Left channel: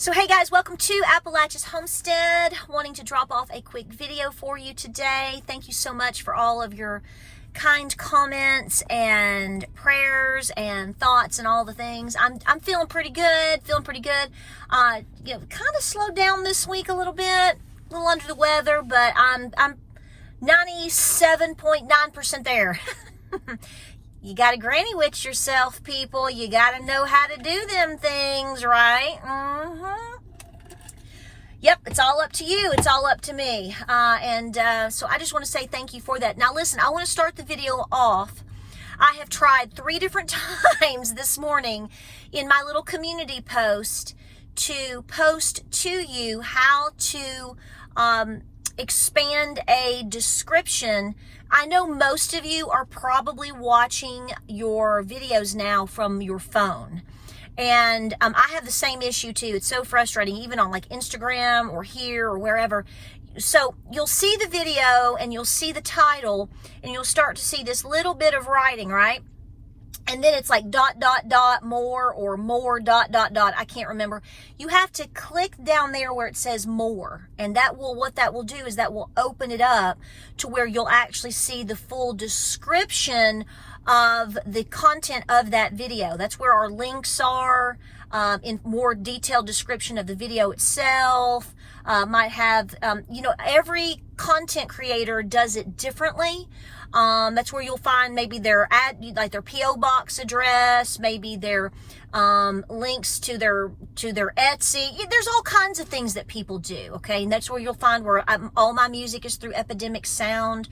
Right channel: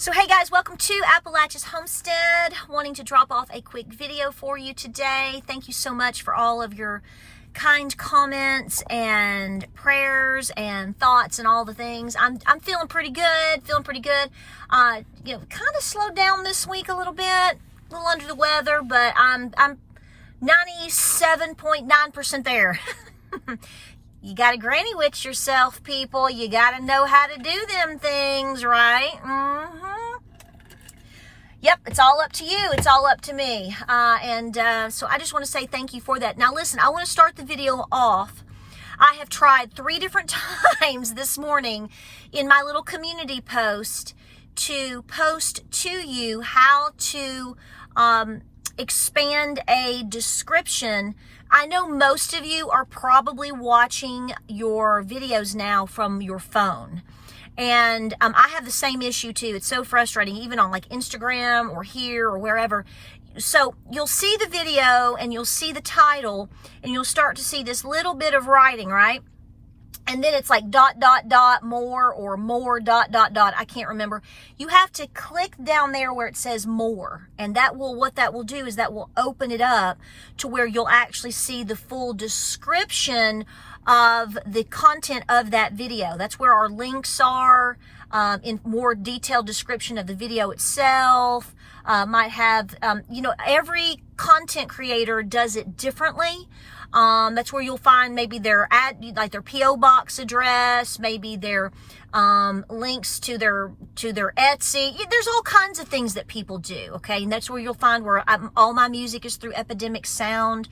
So hey guys, welcome to Appalachia's Homestead. Wanting to drop off a quick video for you today. Thank you so much for all of your kind comments and prayers and thoughts and all the things. I'm feeling pretty good, kind of slowed down this week a little bit, a little under the weather, but I'm 97.9% there. You got to granny witch yourself, people. You got to know how to do them things, right? Yep, it's all up to you. It's all up to me. So I just want to say thank you for that. Now, listen, I want to start the video off. I have tried 3 different times this morning in my little community post to post to you how to expand a description. I know most of you are probably watching your videos now from your phone. And I have the same issue too. It's so frustrating, even on like Instagram or here or wherever. So you'll see the video and you'll see the title and you'll start to see this little bit of writing, right? And then it's like ... more or more ... I can't remember. You have to click down there where it says more. And what that will do is that will open it up to where you'll actually see the full description of the content of that video. That's where our links are, in more detailed description of the video itself. Might have, every content creator does it differently. That's where you'll find maybe their their PO box address, maybe their links to their Etsy. There's all kinds of things that people do. Okay, and that's where you'll find where all my music is through Epidemic Sound,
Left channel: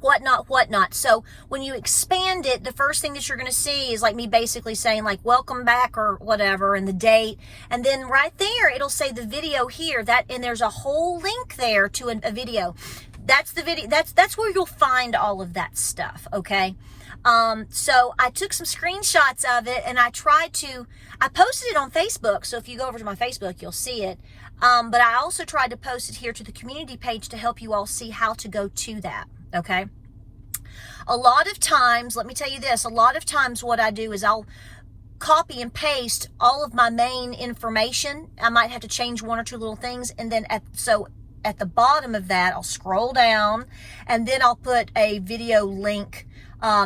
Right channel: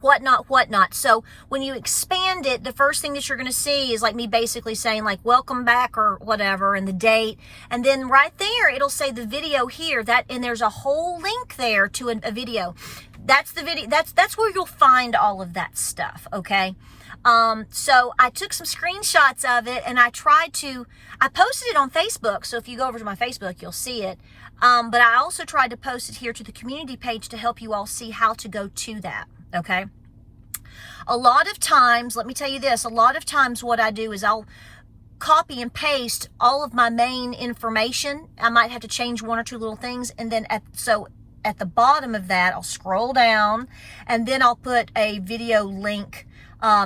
whatnot. So when you expand it, the first thing that you're going to see is like me basically saying like welcome back or whatever and the date, and then right there it'll say the video here, and there's a whole link there to a video. That's the video. That's where you'll find all of that stuff. Okay. So I took some screenshots of it and I posted it on Facebook. So if you go over to my Facebook, you'll see it. But I also tried to post it here to the community page to help you all see how to go to that. Okay. A lot of times, let me tell you this, what I do is I'll copy and paste all of my main information. I might have to change 1 or 2 little things. And then at the bottom of that, I'll scroll down and then I'll put a video link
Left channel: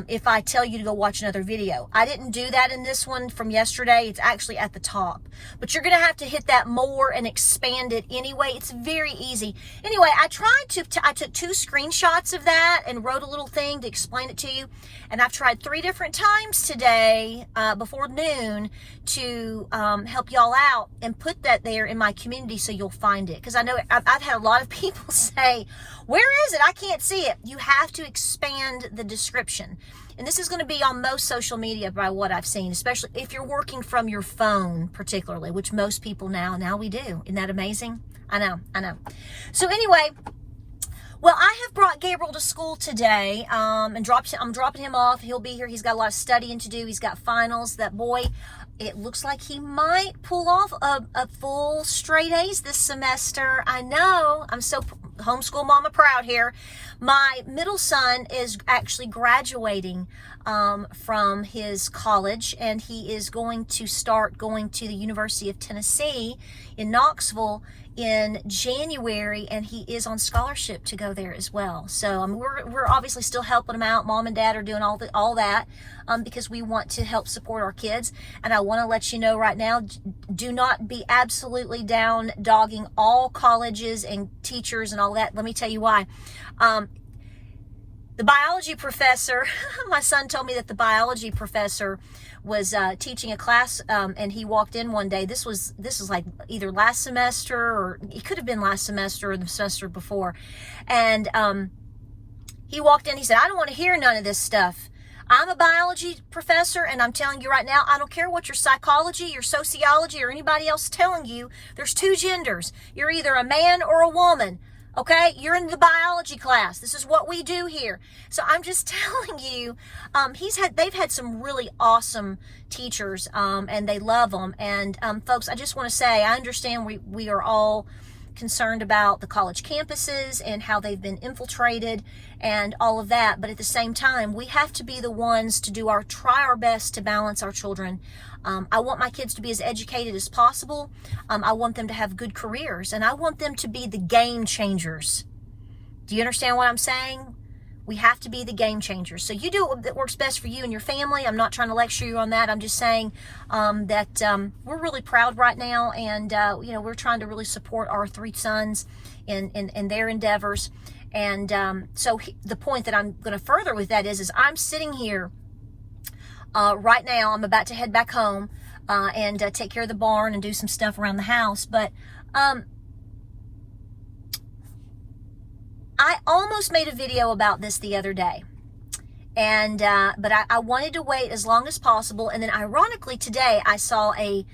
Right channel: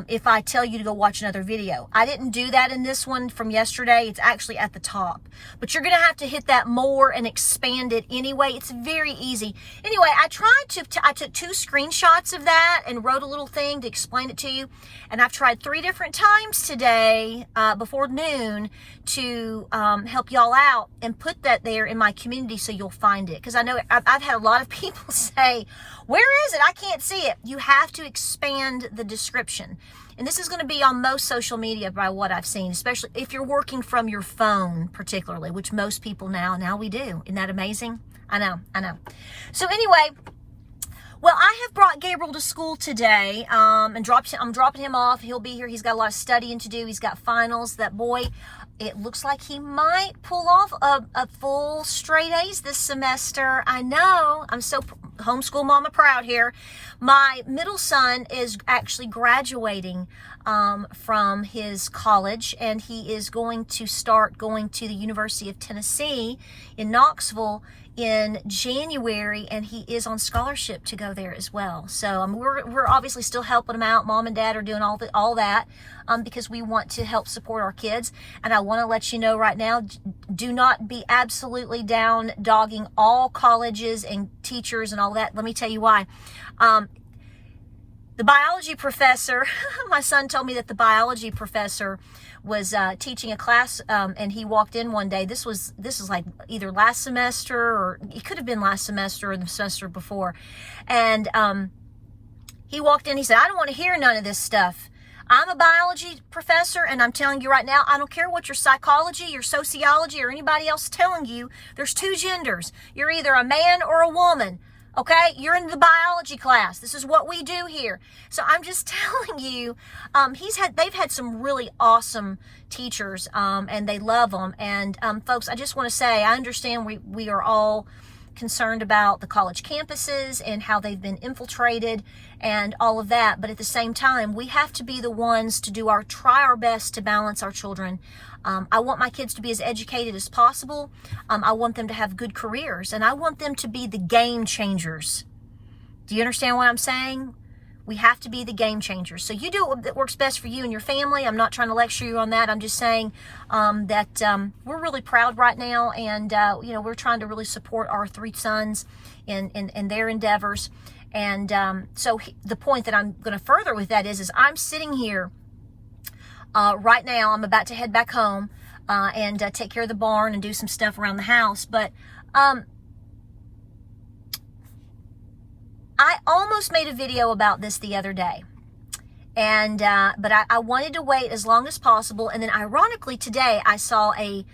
if I tell you to go watch another video. I didn't do that in this one from yesterday. It's actually at the top. But you're going to have to hit that more and expand it anyway. It's very easy. Anyway, I took 2 screenshots of that and wrote a little thing to explain it to you. And I've tried 3 different times today before noon to help y'all out and put that there in my community so you'll find it. Because I know I've had a lot of people say, where is it? I can't see it. You have to expand the description. And this is going to be on most social media by what I've seen, especially if you're working from your phone particularly, which most people now we do. Isn't that amazing? I know. So anyway, well, I have brought Gabriel to school today, and I'm dropping him off. He'll be here. He's got a lot of studying to do. He's got finals. That boy, it looks like he might pull off a full straight A's this semester. I know. I'm so homeschool mama proud here. My middle son is actually graduating from his college, and he is going to start going to the University of Tennessee in Knoxville in January, and he is on scholarship to go there as well. So we're obviously still helping him out. Mom and Dad are doing all that because we want to help support our kids. And I want to let you know right now, do not be absolutely down dogging all colleges and teachers and all that. Let me tell you why. The biology professor, my son told me that the biology professor was teaching a class, and he walked in one day. This was like either last semester, or it could have been last semester or the semester before. And he walked in, he said, I don't want to hear none of this stuff. I'm a biology professor, and I'm telling you right now, I don't care what your psychology, your sociology, or anybody else telling you. There's 2 genders. You're either a man or a woman. Okay, you're in the biology class. This is what we do here. So I'm just telling you, they've had some really awesome teachers, and they love them. And folks, I just want to say, I understand we are all concerned about the college campuses and how they've been infiltrated and all of that. But at the same time, we have to be the ones to try our best to balance our children. I want my kids to be as educated as possible. I want them to have good careers, and I want them to be the game changers. Do you understand what I'm saying? We have to be the game changers. So you do what works best for you and your family. I'm not trying to lecture you on that. I'm just saying that we're really proud right now, and we're trying to really support our 3 sons in their endeavors. And so the point that I'm going to further with that is I'm sitting here right now. I'm about to head back home and take care of the barn and do some stuff around the house. But I almost made a video about this the other day, and but I wanted to wait as long as possible. And then ironically today I saw a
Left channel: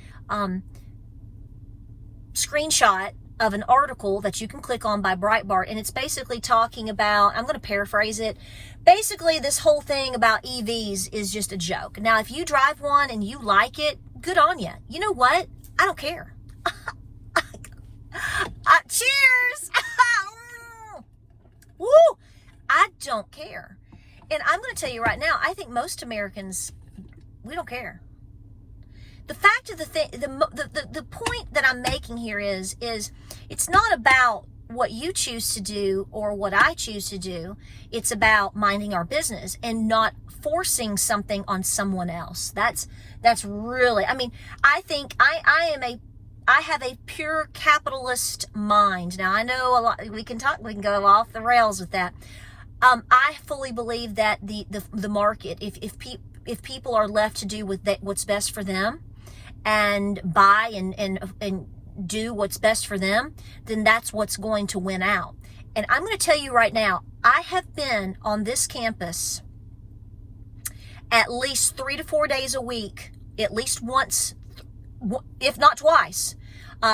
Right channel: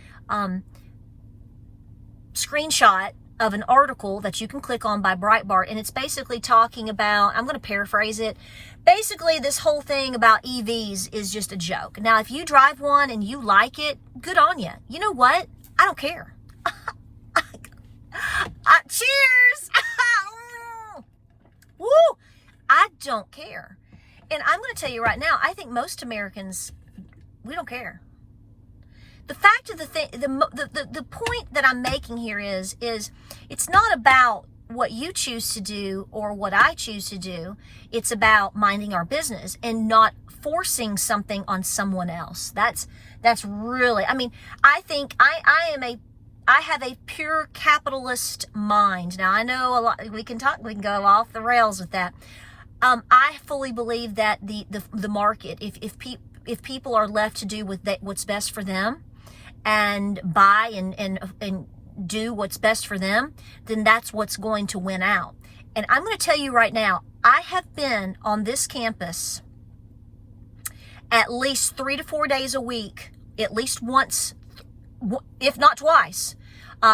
screenshot of an article that you can click on by Breitbart, and it's basically talking about, I'm going to paraphrase it, basically this whole thing about EVs is just a joke. Now, if you drive one and you like it, good on you. You know what? I don't care. Cheers! Woo! I don't care. And I'm going to tell you right now, I think most Americans, we don't care. The fact of the thing, the point that I'm making here is it's not about what you choose to do or what I choose to do. It's about minding our business and not forcing something on someone else. That's really, I mean, I think I have a pure capitalist mind. Now, I know a lot, we can go off the rails with that. I fully believe that the market, if people are left to do what's best for them and buy and do what's best for them, then that's what's going to win out. And I'm going to tell you right now, I have been on this campus at least 3 to 4 days a week, at least once, if not twice,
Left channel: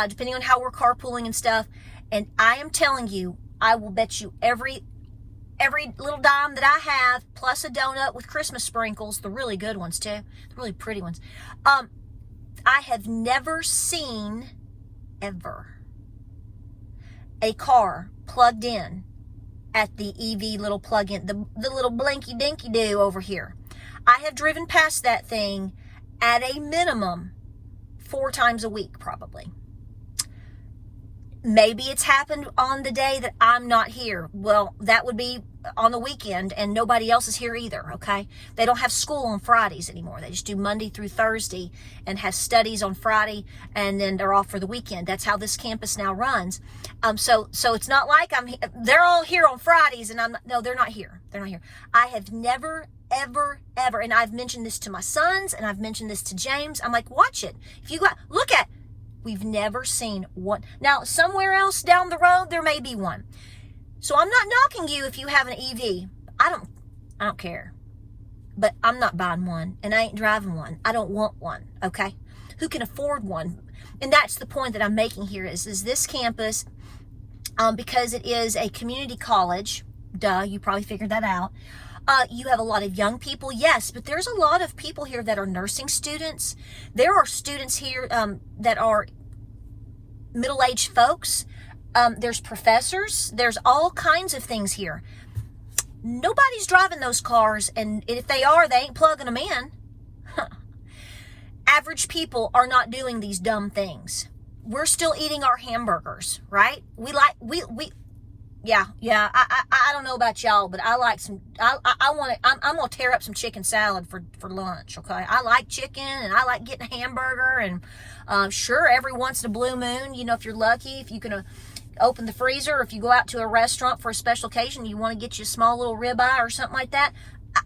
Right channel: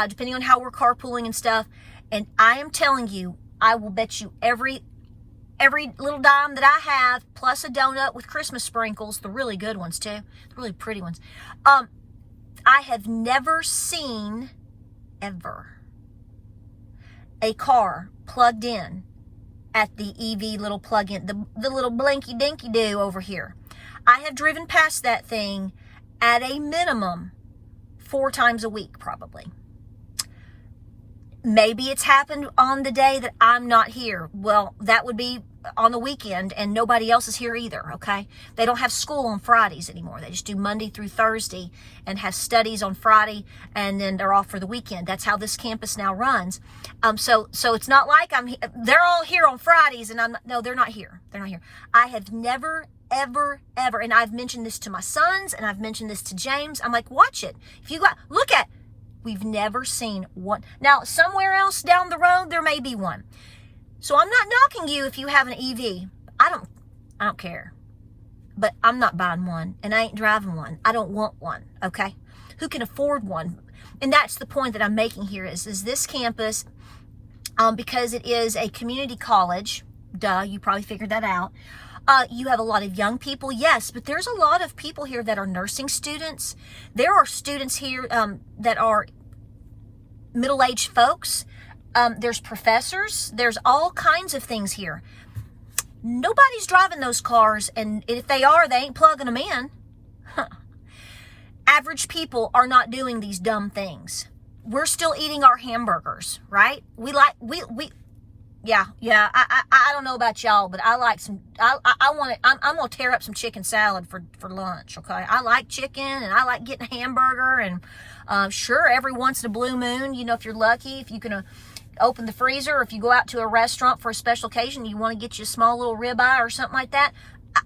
depending on how we're carpooling and stuff. And I am telling you, I will bet you every little dime that I have, plus a donut with Christmas sprinkles, the really good ones too, the really pretty ones. I have never seen, ever, a car plugged in at the EV little plug-in, the little blinky dinky do over here. I have driven past that thing at a minimum 4 times a week, probably. Maybe it's happened on the day that I'm not here. Well, that would be on the weekend, and nobody else is here either, okay? They don't have school on Fridays anymore. They just do Monday through Thursday and have studies on Friday, and then they're off for the weekend. That's how this campus now runs. So it's not like they're all here on Fridays, and no, they're not here. They're not here. I have never, ever, and I've mentioned this to my sons, and I've mentioned this to James. I'm like, watch it. If you look at, we've never seen one. Now, somewhere else down the road, there may be one. So I'm not knocking you if you have an EV. I don't care. But I'm not buying one, and I ain't driving one. I don't want one, okay? Who can afford one? And that's the point that I'm making here is this campus, because it is a community college, duh, you probably figured that out. You have a lot of young people, yes, but there's a lot of people here that are nursing students. There are students here that are middle-aged folks. There's professors. There's all kinds of things here. Nobody's driving those cars, and if they are, they ain't plugging them in. Average people are not doing these dumb things. We're still eating our hamburgers, right? Yeah. I don't know about y'all, but I like some. I'm gonna tear up some chicken salad for lunch. Okay, I like chicken and I like getting a hamburger, and sure, every once in a blue moon, if you're lucky, if you can open the freezer, or if you go out to a restaurant for a special occasion, you want to get you a small little ribeye or something like that.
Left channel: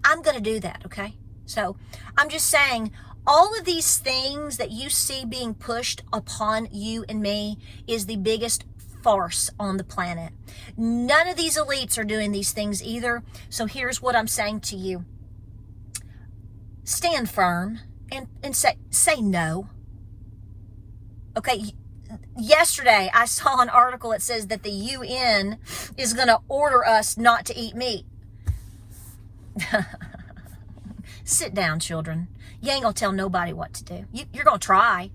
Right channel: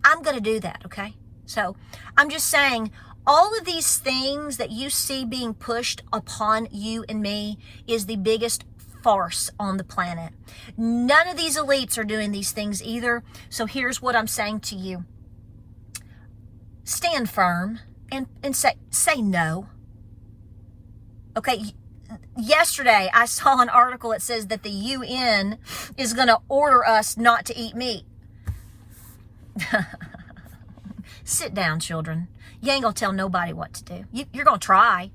I'm gonna do that. Okay, so I'm just saying. All of these things that you see being pushed upon you and me is the biggest farce on the planet. None of these elites are doing these things either. So here's what I'm saying to you. Stand firm and say no. Okay, yesterday I saw an article that says that the UN is going to order us not to eat meat. Sit down, children. You ain't going to tell nobody what to do. You're going to try.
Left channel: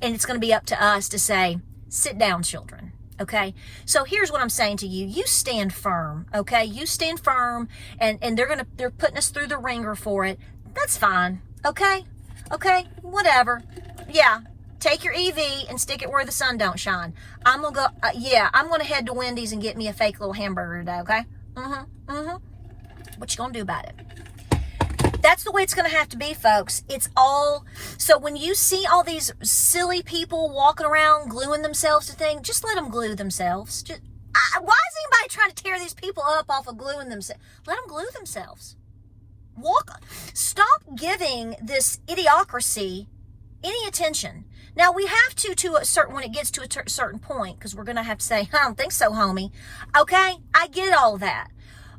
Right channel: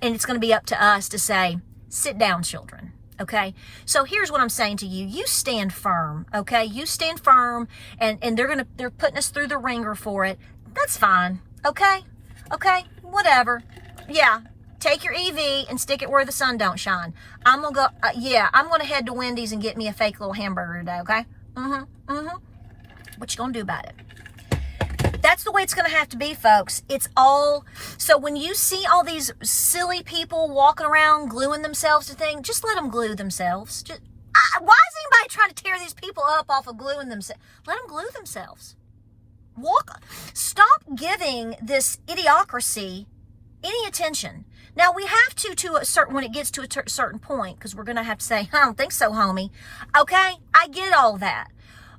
And it's going to be up to us to say, sit down, children. Okay, so here's what I'm saying to you. You stand firm, okay? You stand firm, and they're putting us through the ringer for it. That's fine, okay? Okay, whatever. Yeah, take your EV and stick it where the sun don't shine. I'm gonna go, I'm gonna head to Wendy's and get me a fake little hamburger today, okay? What you gonna do about it? That's the way it's going to have to be, folks. It's all, so when you see all these silly people walking around gluing themselves to things, just let them glue themselves. Why is anybody trying to tear these people up off of gluing themselves? Let them glue themselves. Stop giving this idiocracy any attention. Now, we have to a certain, when it gets to a certain point, because we're going to have to say, I don't think so, homie. Okay, I get all that.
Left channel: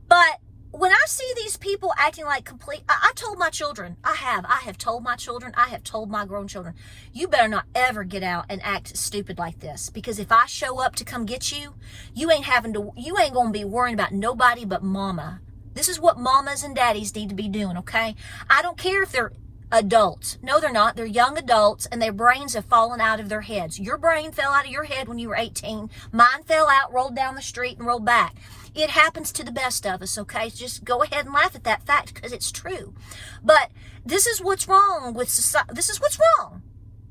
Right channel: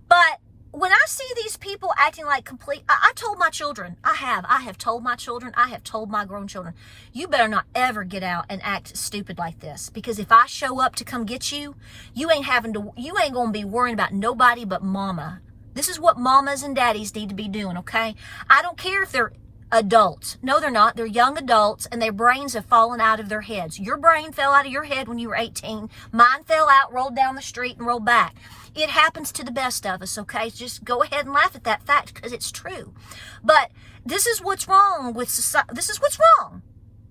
But when I see these people acting like I told my children, I have told my children, I have told my grown children, you better not ever get out and act stupid like this. Because if I show up to come get you, you ain't going to be worrying about nobody but mama. This is what mamas and daddies need to be doing, okay? I don't care if they're adults. No, they're not. They're young adults, and their brains have fallen out of their heads. Your brain fell out of your head when you were 18. Mine fell out, rolled down the street, and rolled back. It happens to the best of us, okay? Just go ahead and laugh at that fact because it's true. But this is what's wrong with society. This is what's wrong.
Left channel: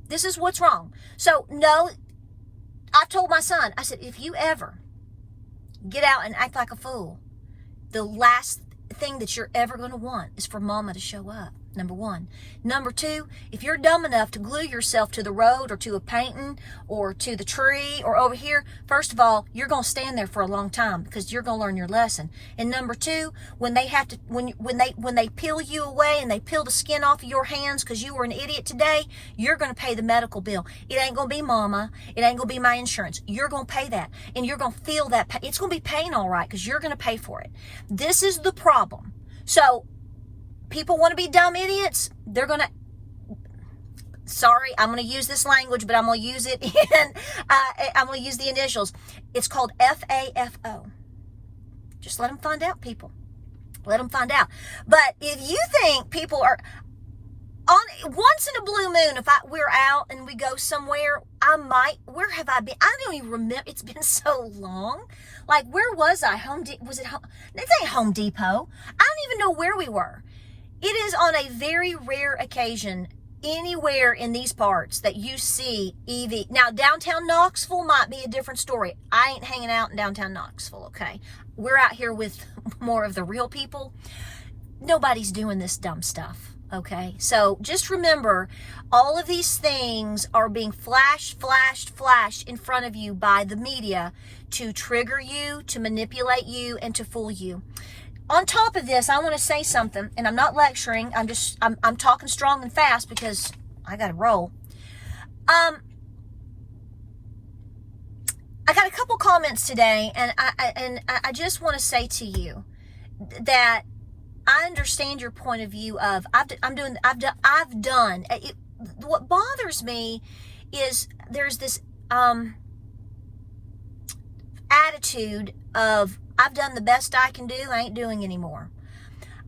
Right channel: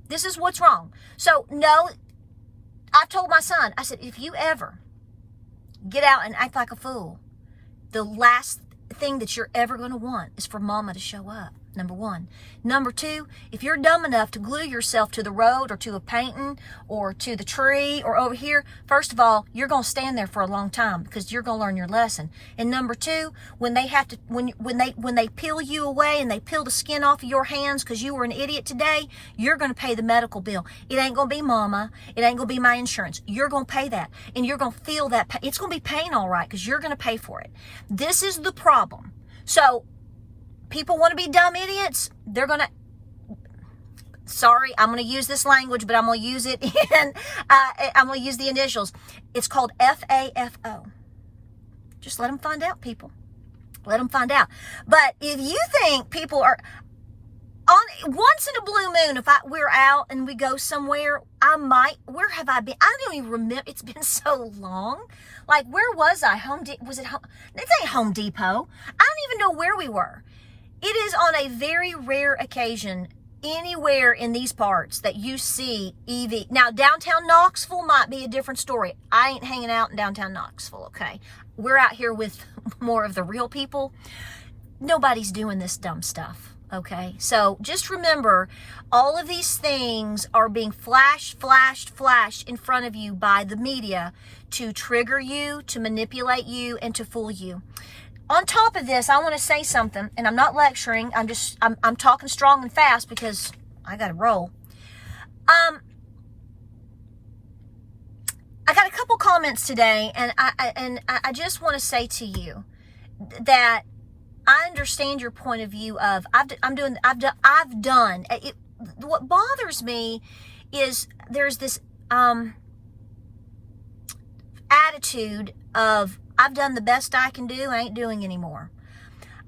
This is what's wrong. So, no, I've told my son, I said, if you ever get out and act like a fool, the last thing that you're ever going to want is for mama to show up. Number one. Number two, if you're dumb enough to glue yourself to the road or to a painting or to the tree or over here, first of all, you're going to stand there for a long time because you're going to learn your lesson. And number two, when they have to, when they peel you away and they peel the skin off of your hands because you were an idiot today, you're going to pay the medical bill. It ain't going to be mama. It ain't going to be my insurance. You're going to pay that, and you're going to feel that. It's going to be pain, all right, because you're going to pay for it. This is the problem. So, people want to be dumb idiots. They're going to, sorry, I'm going to use this language, but I'm going to use it in, I'm going to use the initials. It's called FAFO. Just let them find out, people. Let them find out. But if you think people are, once in a blue moon, if we're out and we go somewhere, where have I been? I don't even remember. It's been so long. Like, where was I? Was it Home? This ain't Home Depot. I don't even know where we were. It is on a very rare occasion anywhere in these parts that you see EV. Now, downtown Knoxville might be a different story. I ain't hanging out in downtown Knoxville, okay? We're out here with more of the real people. Nobody's doing this dumb stuff, okay? So just remember, all of these things are being flashed in front of you by the media to trigger you, to manipulate you, and to fool you. On top of this, I want to say something, and I'm not lecturing. I'm talking strong and fast because I got to roll. I got a couple comments today, and I just want to say to you that I understand your point of view of I've done. What bothers me is there's this attitude of I've done the best I can do. I ain't doing anymore.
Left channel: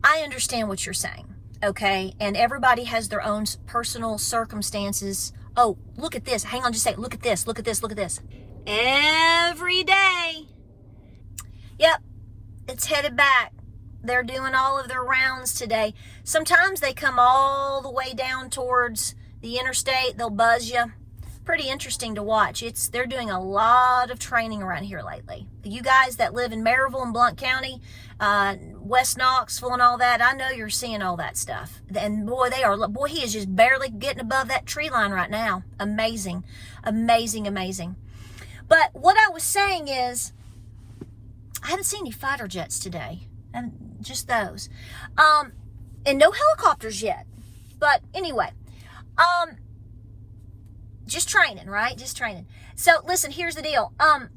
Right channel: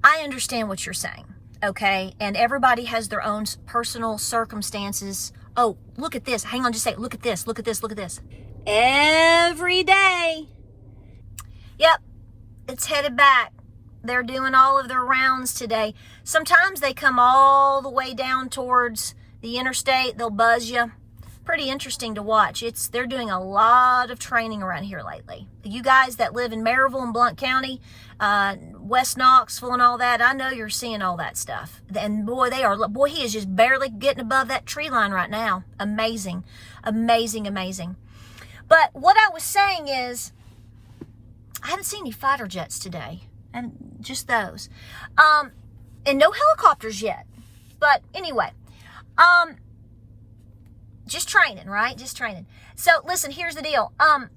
I understand what you're saying, okay? And everybody has their own personal circumstances. Oh, look at this. Hang on just a second. Look at this. Look at this. Look at this. Every day. Yep. It's headed back. They're doing all of their rounds today. Sometimes they come all the way down towards the interstate. They'll buzz you. Pretty interesting to watch. They're doing a lot of training around here lately. You guys that live in Maryville and Blount County, West Knoxville and all that, I know you're seeing all that stuff. And boy, he is just barely getting above that tree line right now. Amazing, amazing, amazing. But what I was saying is, I haven't seen any fighter jets today, and just those, and no helicopters yet. But anyway, just training, right? Just training. So listen, here's the deal. I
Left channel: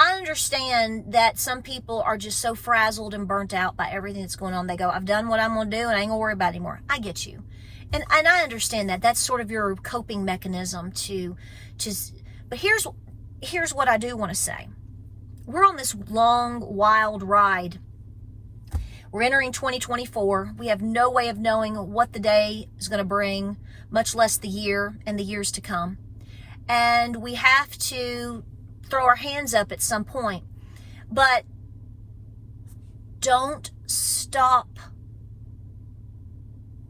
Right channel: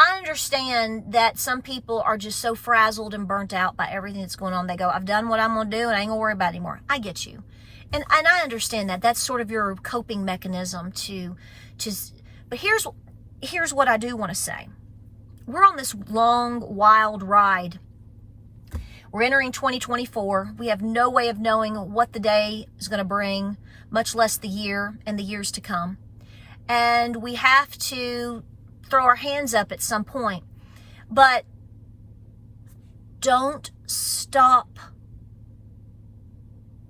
understand that some people are just so frazzled and burnt out by everything that's going on. They go, I've done what I'm going to do and I ain't going to worry about it anymore. I get you. And I understand that. That's sort of your coping mechanism but here's what I do want to say. We're on this long, wild ride. We're entering 2024. We have no way of knowing what the day is going to bring, much less the year and the years to come. and we have to throw our hands up at some point. But don't stop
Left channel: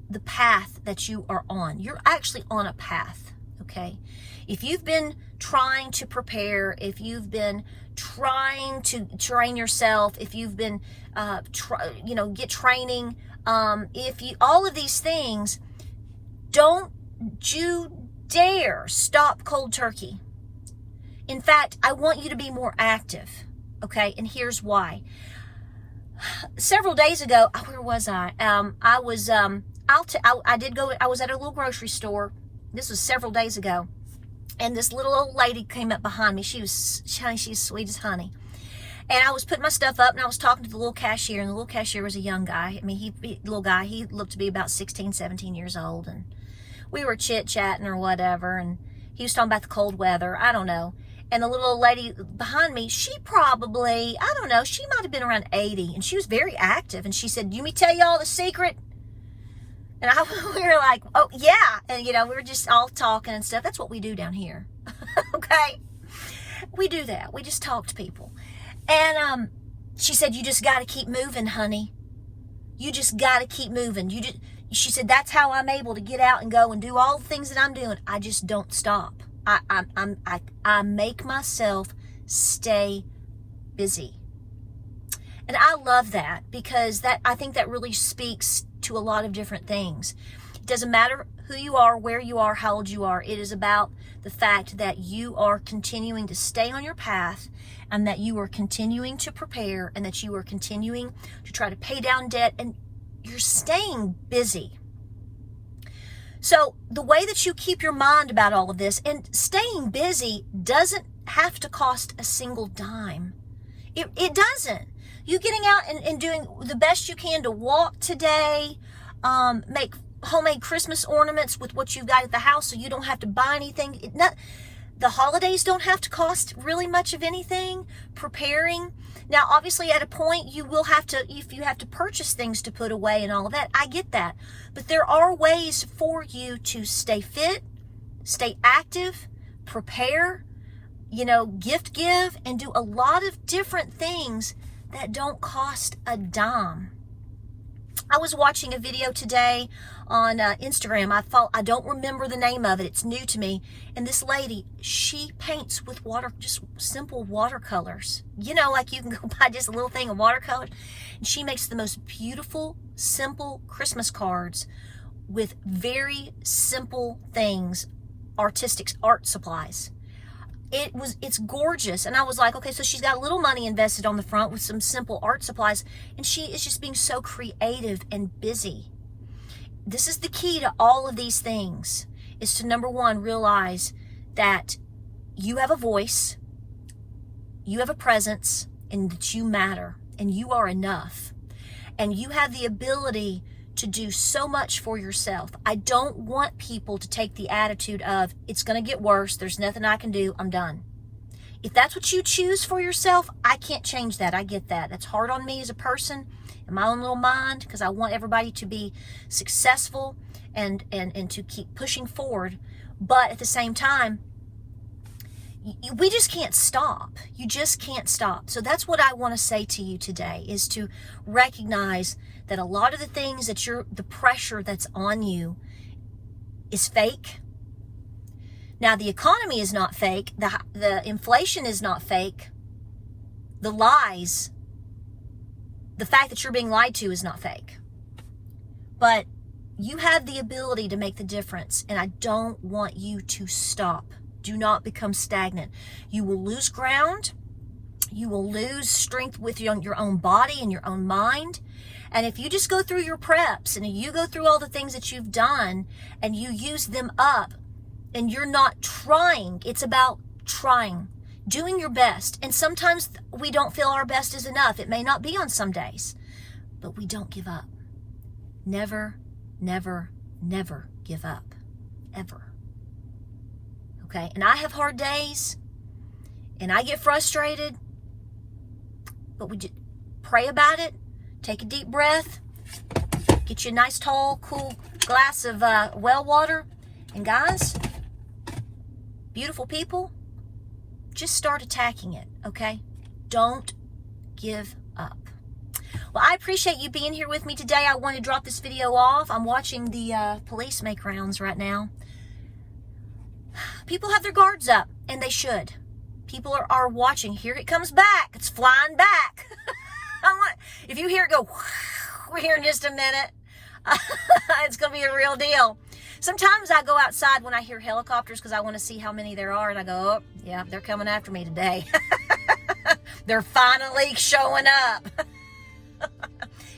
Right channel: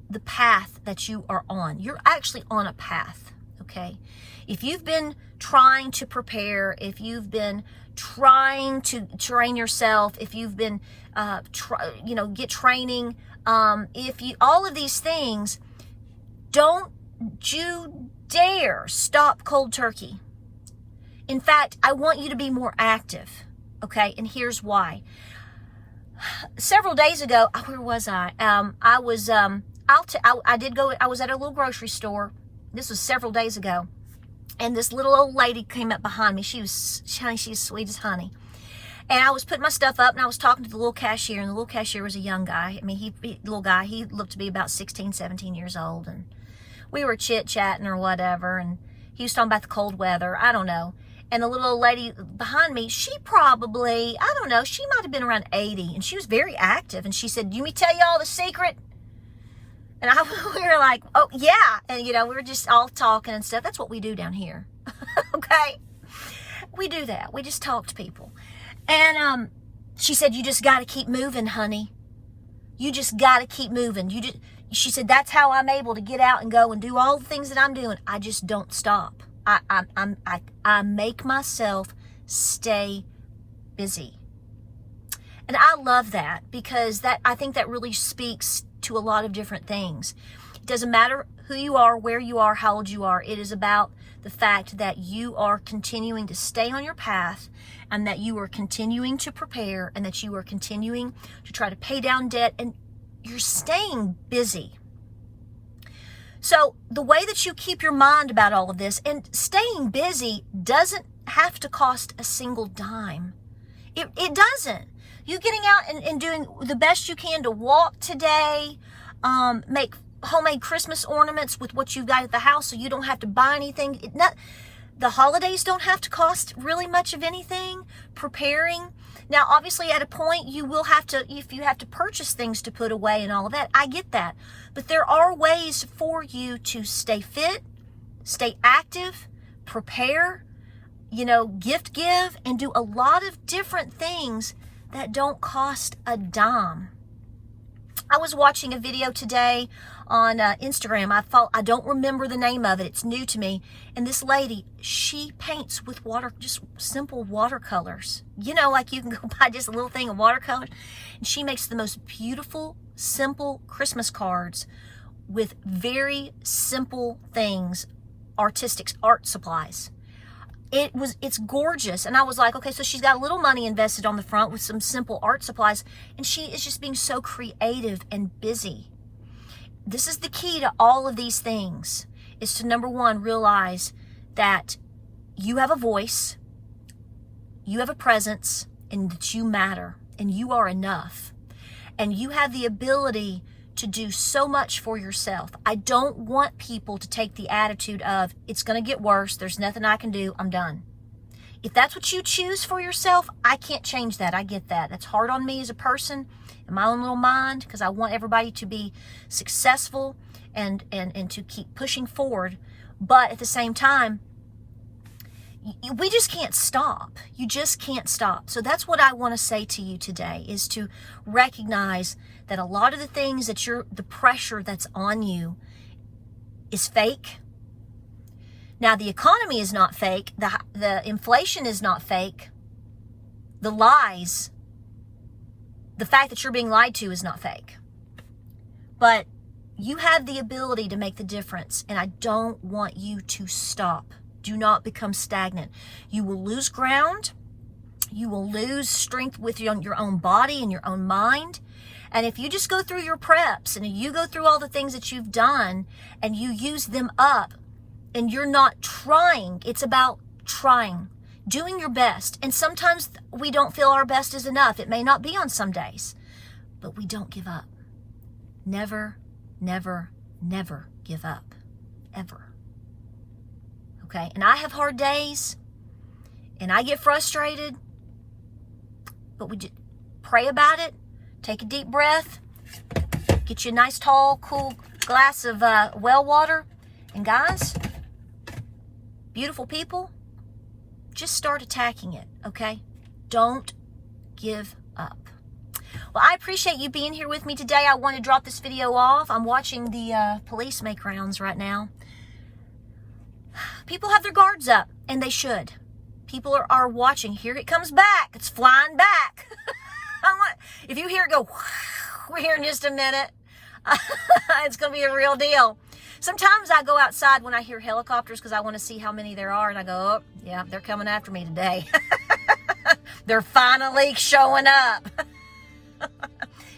the path that you are on. You're actually on a path, okay? If you've been trying to prepare, if you've been trying to train yourself, if you've been, get training, if you, all of these things, don't you dare stop cold turkey. In fact, I want you to be more active, okay? And here's why. Several days ago, where was I? I was at a little grocery store. This was several days ago. And this little old lady came up behind me. She's sweet as honey. And I was putting my stuff up, and I was talking to the little cashier, and the little cashier was a young guy. I mean, he looked to be about 16, 17 years old. And we were chit-chatting or whatever, and he was talking about the cold weather. I don't know. And the little old lady behind me, she probably, I don't know, she might have been around 80, and she was very active. And she said, "You me tell y'all the secret?" And we were like, "Oh, yeah." And, we were just all talking and stuff. That's what we do down here. Okay? We do that. We just talk to people. And she said, "You just got to keep moving, honey. You just got to keep moving." She said, "That's how I'm able to get out and go and do all the things that I'm doing. I just don't stop. I make myself stay busy." And I love that, because I think that really speaks to a lot of different things. It doesn't matter who you are, where you are, how old you are. It is about the fact that you are continuing to stay on your path, and that you are continuing to prepare, and that you are continuing to try to pay down debt, and you're staying busy. So the way that you keep your mind about all of this, and staying busy doesn't have to cost a single dime. It doesn't. You getting out and doing the best you can to walk today, make homemade Christmas ornaments with what you've got at the house so you don't have to buy anything. The holidays don't have to cost really much of anything. Preparing. Now, obviously, at a point, you will have to, if you have to purchase things to put away and all of that, I get that. But there are ways for you to stay fit, stay active, prepare, gift give, and do a lot of different things that don't cost a dime. I was watching a video today on Instagram. I don't remember the name of it. It's new to me. And this lady, she paints with just simple watercolors. Like you can go buy just a little thing of watercolors. And she makes the most beautiful, simple Christmas cards with very simple things, artistic art supplies. It's gorgeous. And I was like, okay, so she's got a little money invested on the front with some simple art supplies, and she is just being so creative and busy. This is the key to all of these things, is to, number one, realize that you have a voice, you have a presence, and that you matter, and you are enough. And you have the ability to do so much for yourself. I don't want people to take the attitude of, it's going to get worse, there's nothing I can do, I'm done. If that's what you choose for yourself, I can't change that. I get that. That's hard on me as a person, in my own little mind, because I want everybody to be successful and to keep pushing forward. But at the same time, we just can't stop. You just can't stop. So that's what I want to say to you today, is to recognize that a lot of the things that the pressure that's on you is fake. Now, the economy is not fake. The inflation is not fake. The lies, the fact that you're being lied to is not fake. But you have the ability to make the difference, and I don't want you to stop. Do not become stagnant. You will lose ground. You will lose strength with your own body and your own mind. And if you just go through your preps and you go through all the things that you've done and you use them up and you're not trying, it's about trying, doing your best. And sometimes we don't feel our best is enough. It may not be on some days, but we don't give up. Never, never, never give up. Ever. Okay? And I have hard days and I get frustrated, but we just pray about it. Take a deep breath, get you a nice, tall, cool glass of well water, and guys, be beautiful people, just start attacking it, okay? Don't give up. Well, I appreciate you being here with me today. I want to drop this video off. I'm watching the police make rounds right now. People have their guards up, and they should. People are watching. Here it comes back. It's flying back. If you hear it go, we're here in just a minute. It's going to be a real deal. Sometimes I go outside when I hear helicopters because I want to see how many there are, and I go, oh, yeah, they're coming after me today. They're finally showing up.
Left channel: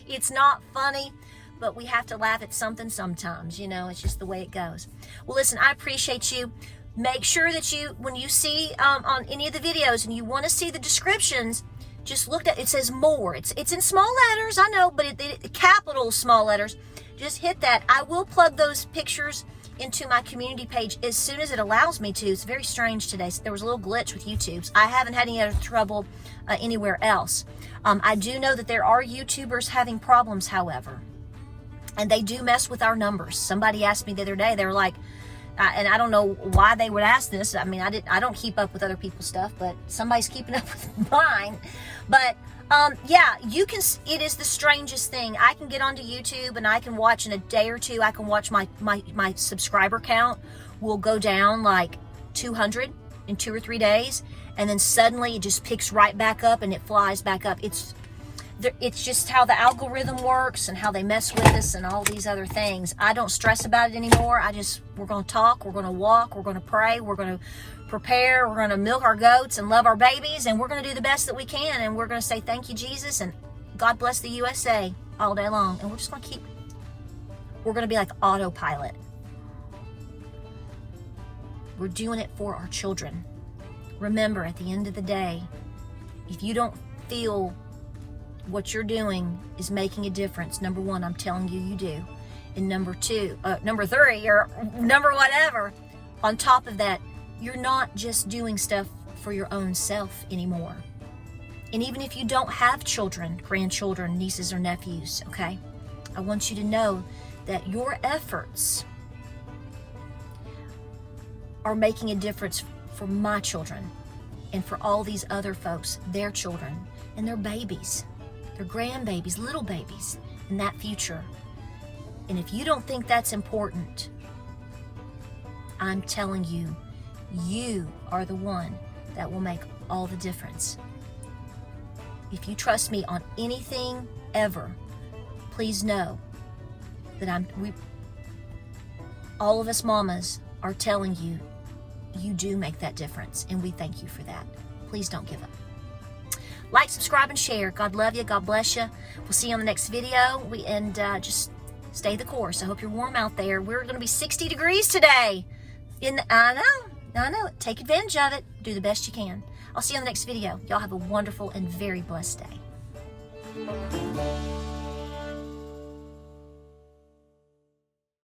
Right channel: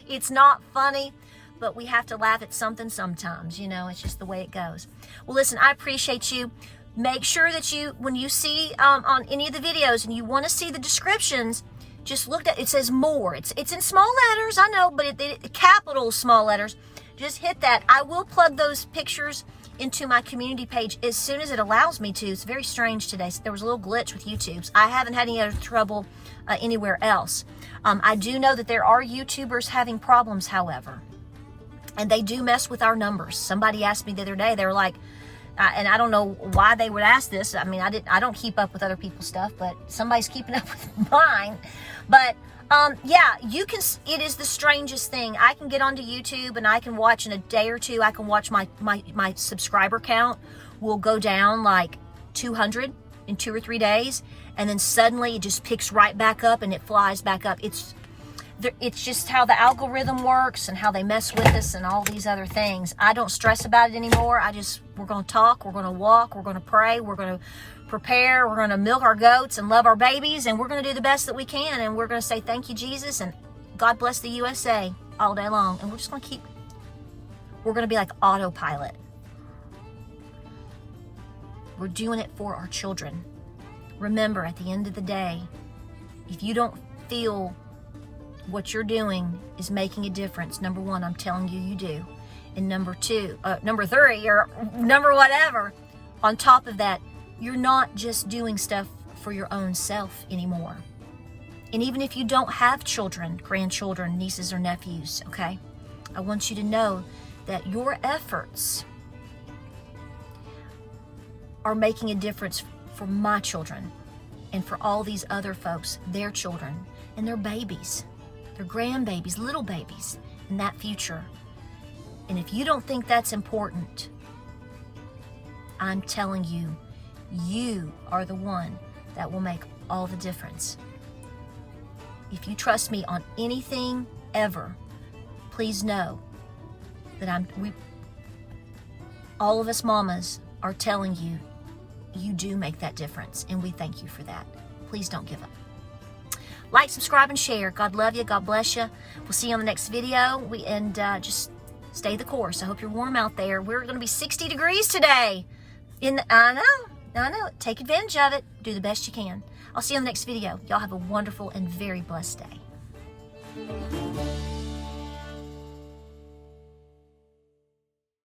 It's not funny, but we have to laugh at something sometimes. You know, it's just the way it goes. Well, listen, I appreciate you. Make sure that when you see on any of the videos and you want to see the descriptions, just look at it. Says more. It's in small letters, I know, but capital small letters. Just hit that. I will plug those pictures into my community page as soon as it allows me to. It's very strange today. So there was a little glitch with YouTube. I haven't had any other trouble anywhere else. I do know that there are YouTubers having problems, however, and they do mess with our numbers. Somebody asked me the other day, they were like, and I don't know why they would ask this. I mean, I don't keep up with other people's stuff, but somebody's keeping up with mine. But yeah, you can. It is the strangest thing. I can get onto YouTube and I can watch in a day or two. I can watch my subscriber count will go down like 200 in 2 or 3 days, and then suddenly it just picks right back up and it flies back up. It's just how the algorithm works and how they mess with us and all these other things. I don't stress about it anymore. We're going to talk, we're going to walk, we're going to pray, we're going to prepare, we're going to milk our goats and love our babies, and we're going to do the best that we can, and we're going to say thank you, Jesus, and God bless the USA all day long. And we're just going to we're going to be like autopilot. We're doing it for our children. Remember, at the end of the day, if you don't feel what you're doing is making a difference, number one, I'm telling you, you do. And number three, or number whatever, on top of that, you're not just doing stuff for your own self anymore. And even if you don't have children, grandchildren, nieces or nephews, okay, I want you to know that your efforts are making a difference for my children and for all these other folks, their children and their babies, their grandbabies, little babies, in that future. And if you don't think that's important, I'm telling you, you are the one that will make all the difference. If you trust me on anything ever, please know that all of us mamas are telling you, you do make that difference, and we thank you for that. Please don't give up. Like, subscribe, and share. God love you. God bless you. We'll see you on the next video. Just stay the course. I hope you're warm out there. We're going to be 60 degrees today. I know. Take advantage of it. Do the best you can. I'll see you on the next video. Y'all have a wonderful and very blessed day.